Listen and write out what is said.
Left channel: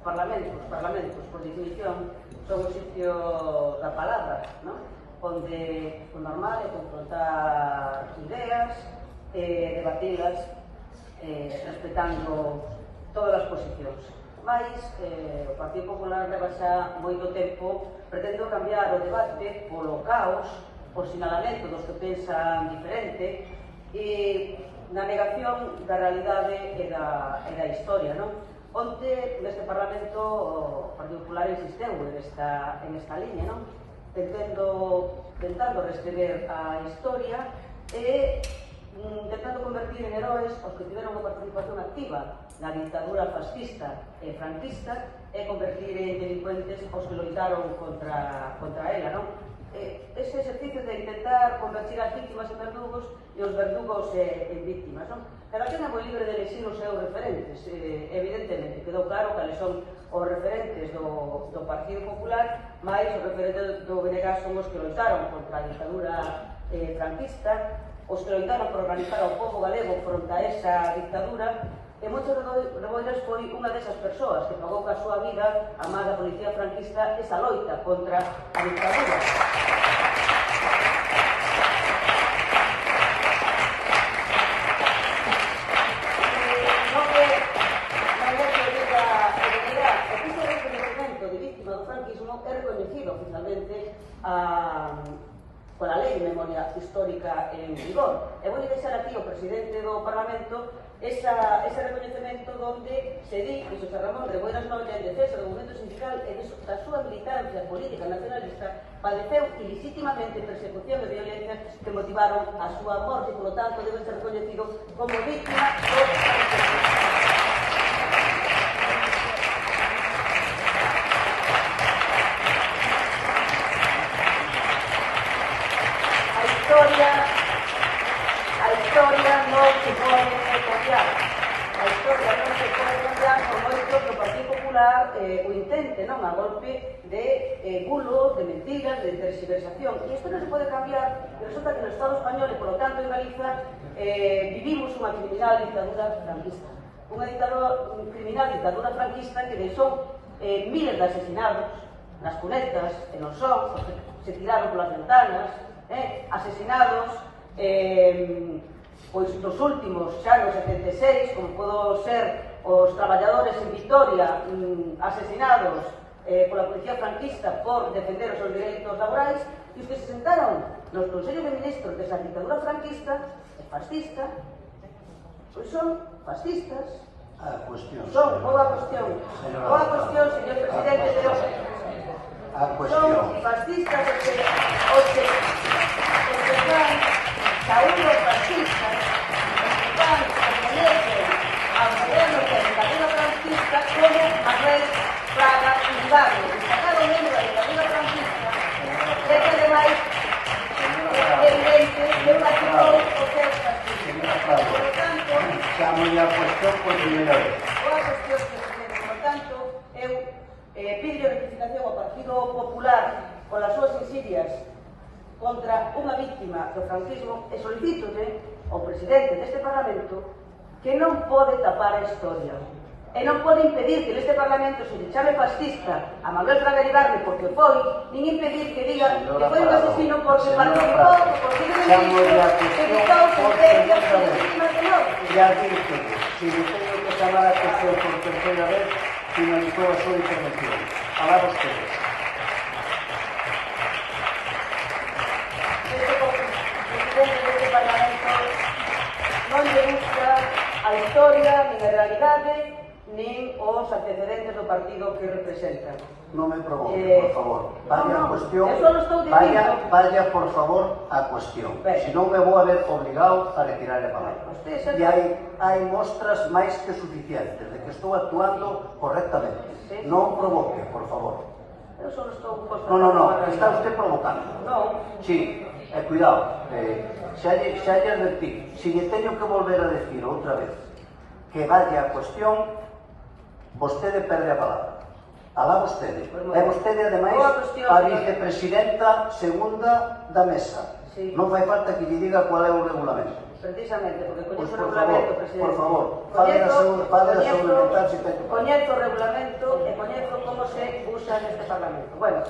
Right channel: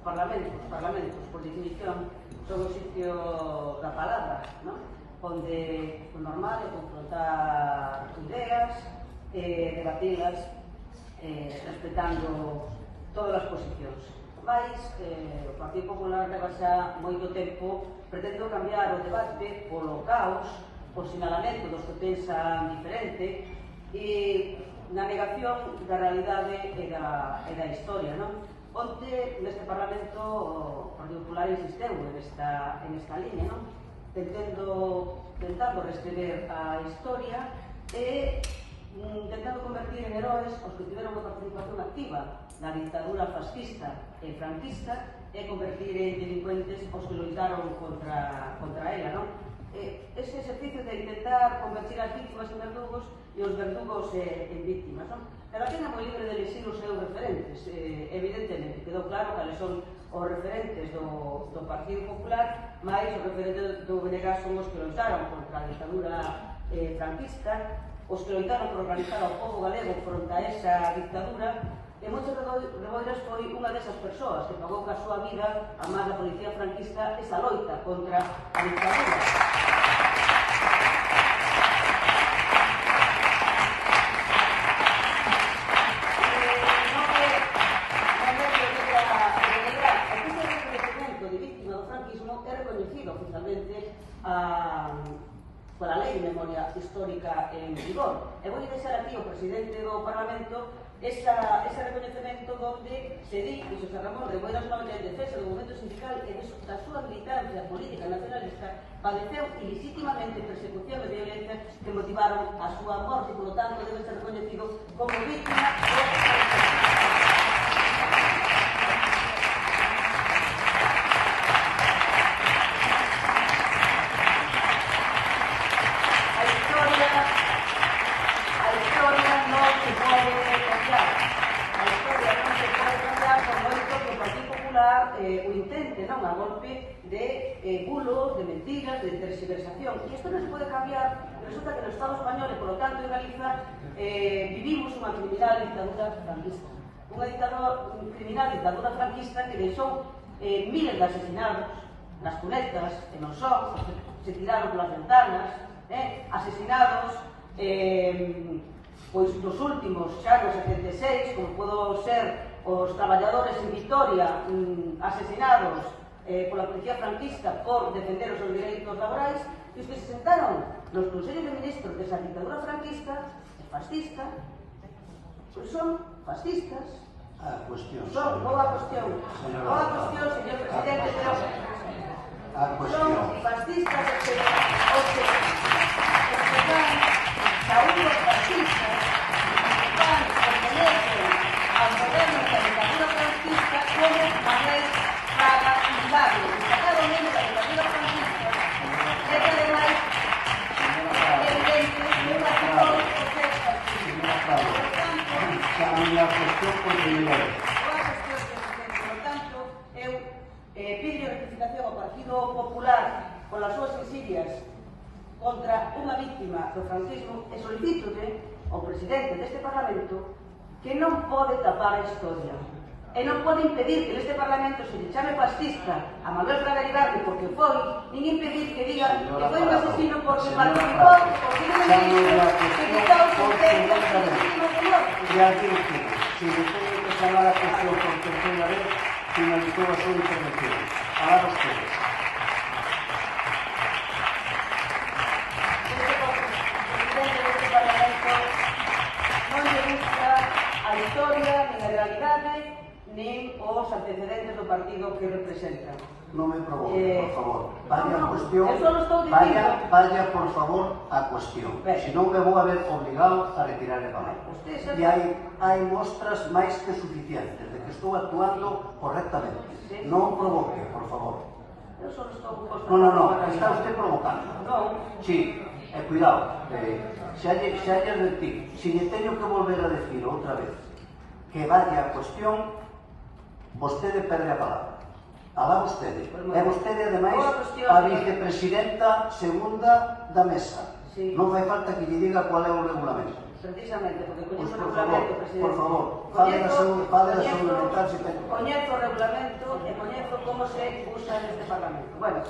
Os parlamentos, por definición, son o sitio da palabra, onde o normal é confrontar ideas, debatilas, respetando todas as posicións. Mais, o Partido Popular leva xa moito tempo pretendo cambiar o debate polo caos, por sinalamento dos que pensan diferente e na negación da realidade e da historia. Onte, neste Parlamento, o Partido Popular insisteu en esta liña, tentando reescrever a historia e intentando convertir en heróis os que tiveron unha participación activa na dictadura fascista e franquista e convertir en delincuentes os que loitaron contra ela. Este exercicio de intentar convertir as víctimas en verdugos e os verdugos en víctimas. Pero a xena foi libre de elegir os seus referentes. Evidentemente, quedou claro cales son os referentes do Partido Popular, máis os referentes do BNG son os que loitaron contra a dictadura franquista, os que loitaron por organizar o povo galego fronte a esa dictadura, e Moncho Reboiras foi unha desas persoas que pagou ca súa vida a máis da policía franquista esa loita contra a dictadura. O víctima do franquismo é reconhecido oficialmente pola lei de memoria histórica en vigor. E vou deixar aquí ao presidente do Parlamento ese reconhecemento donde se di que José Ramón Reboiras Noia, en defensa do movimento sindical e da súa militancia política nacionalista, padeceu ilegítimamente persecución e violencia que motivaron a súa morte e, polo tanto, debe ser reconhecido como víctima do franquismo. A historia non se pode cambiar. A historia non se pode cambiar por moito que o Partido Popular o intente, a golpe de bulos, de mentiras, de tergiversación. E isto non se pode cambiar, pero resulta que no Estado español e, polo tanto, en Galiza, vivimos unha criminal dictadura franquista. Unha criminal dictadura franquista que deixou miles de asesinados nas cunetas e non só, se tiraron polas ventanas, asesinados pois nos últimos xa no 76, como podo ser os traballadores en Vitoria asesinados pola policía franquista por defender os seus direitos laborais, e os que se sentaron nos consellos de ministros desa dictadura franquista e fascista, pois son fascistas. Son boa cuestión, señor presidente, pero son fascistas os que están saúdos fascistas, están a movernos en la dictadura franquista como a ver Fraga Hidalgo. Cada membro da dictadura franquista é que ademais é evidente que practicou o sexo. Por tanto, eu pido rectificación ao Partido Popular polas súas insidias contra unha víctima do franquismo e solicítolle ao presidente deste Parlamento que non pode tapar a historia e non pode impedir que neste Parlamento se lle chame fascista a Manuel Fraga Iribarne porque foi, nin impedir que diga que foi un asesino porque participou, porque ya dije, si yo tengo que tomar la cuestión por tercera vez, finalizó su intervención. Ahora ustedes. Non lle gusta a historia, nin a realidade, nin os antecedentes do partido que representan. No me provoque, por favor. Vaya a cuestión. Vaya, por favor, a cuestión. Si no, me voy a ver obligado a retirar la palabra. Y hay muestras más que suficientes de que estoy actuando correctamente. No provoque, por favor. No, está usted provocando. Sí, cuidado. Se haya advertido. Si le tengo que volver a decir otra vez que vaya a cuestión, usted le perde a palabra. Alá vostede. É vostede, ademais, a vicepresidenta segunda da mesa. Non vai falta que lle diga qual é o regulamento. Precisamente, porque coñezo o regulamento, presidente. Por favor, fale da saúde mental. Coñezo o regulamento e neste Parlamento. Bueno,